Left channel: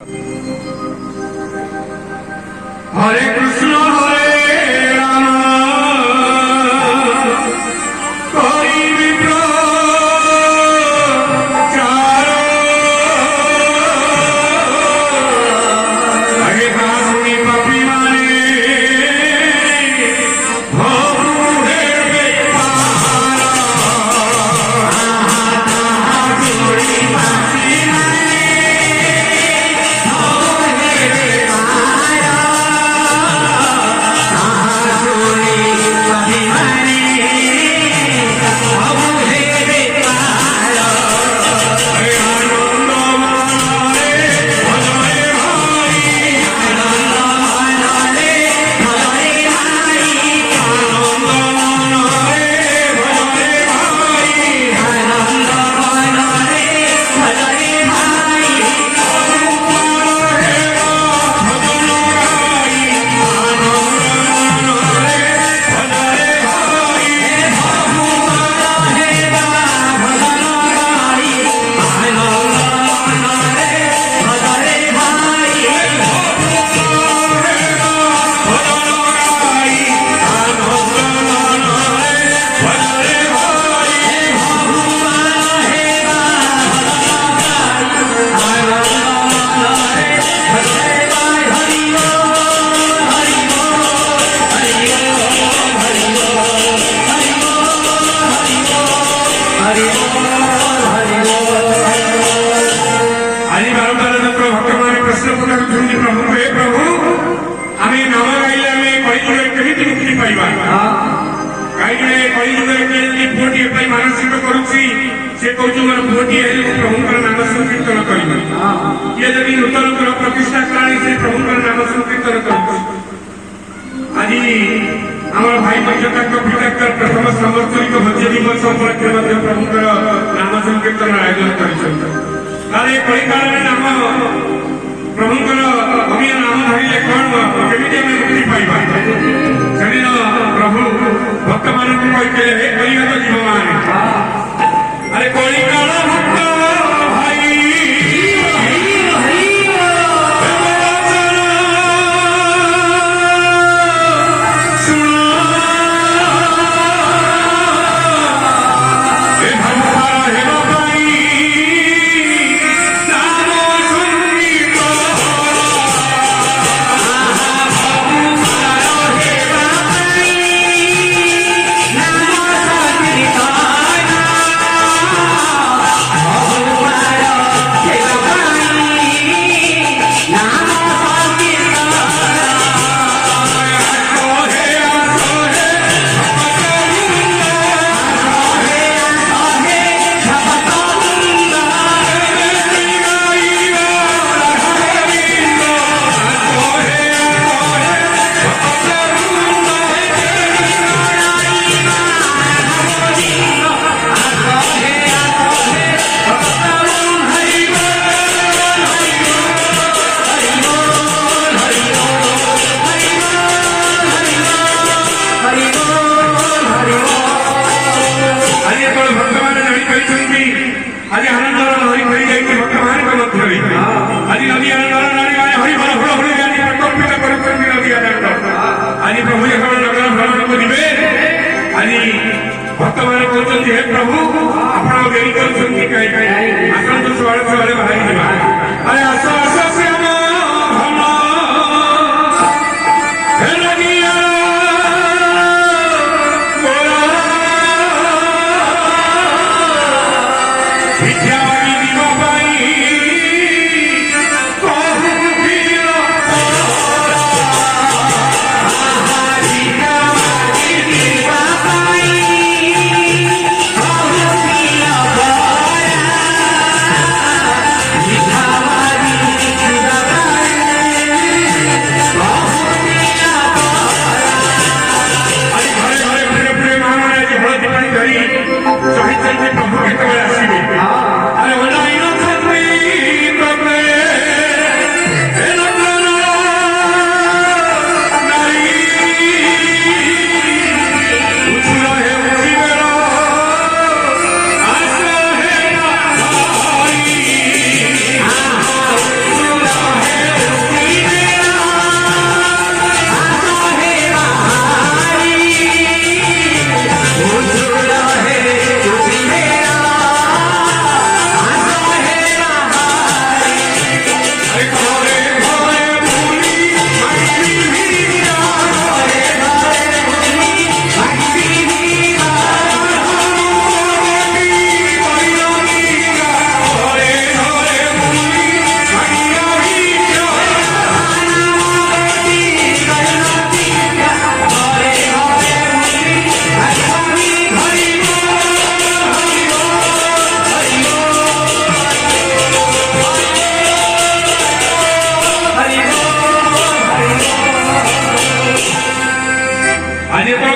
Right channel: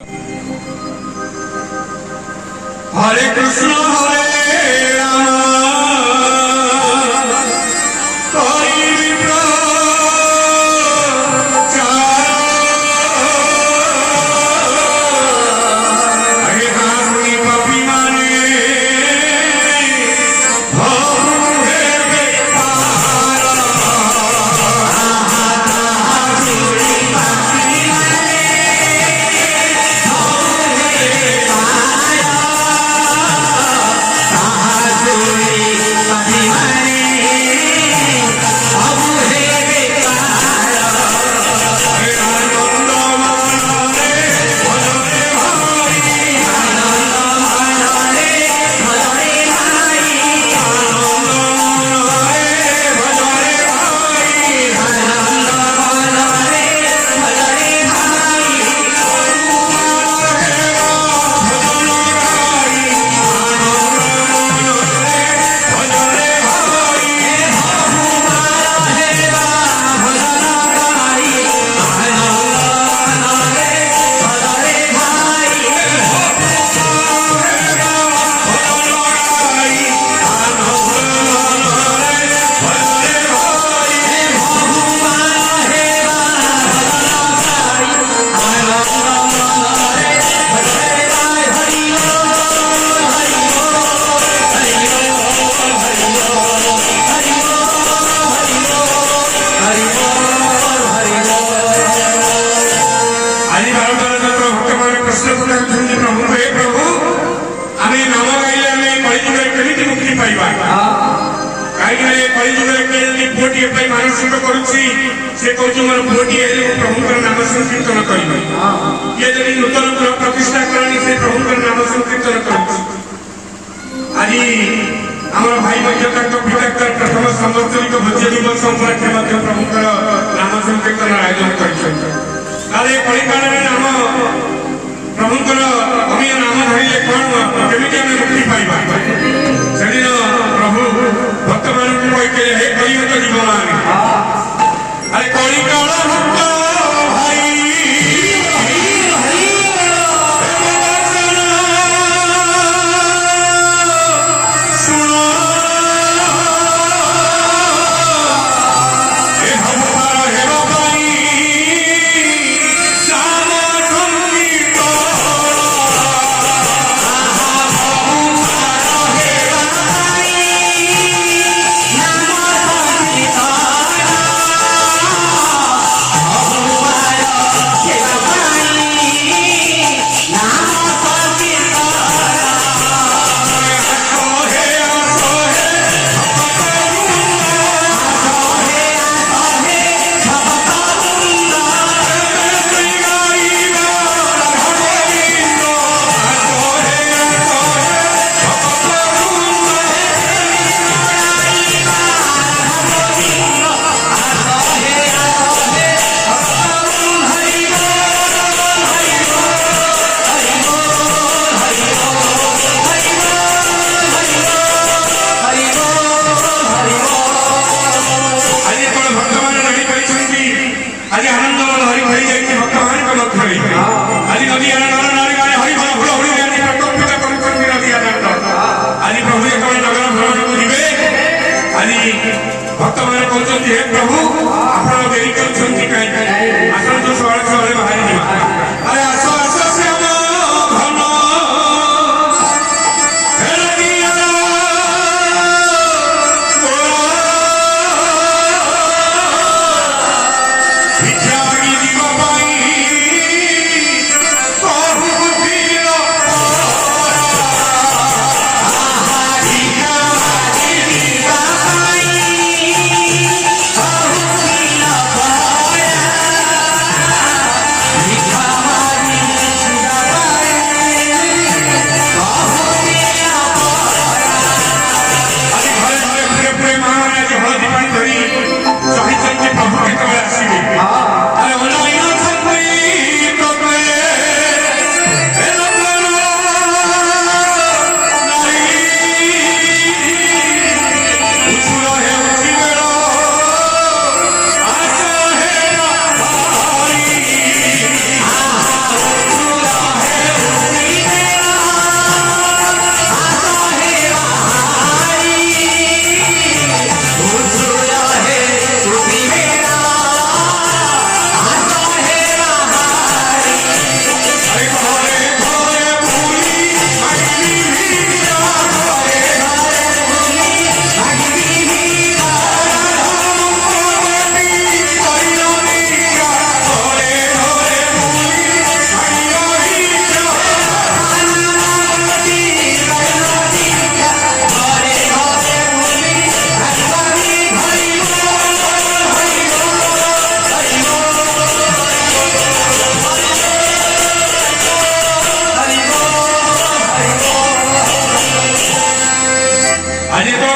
हरे कृष्ण हरे राम हरे कामुनी puppy माने मानसिक करुच्ची से कहूँ मोर पुओटी प्रभुंर नाम संकीर्तन करी ये जब नूतन गृह प्रतिष्ठा कराई से प्रभुंर नाम संकीर्तन कर आज आम भाई पिता प्रथम संवत्सरिक भोज्य दिवस उपलक्षे प्रभुंर नाम संकीर्तन आयोजन कर नाम प्रभुंर अमीय नाम धरले कौन केमी आम मुक्ति पाइबा से प्रभु भक्त मान कहते हे कलियुग जीवमान अरे कलिकाल भक्त भाई सुनो आणि तो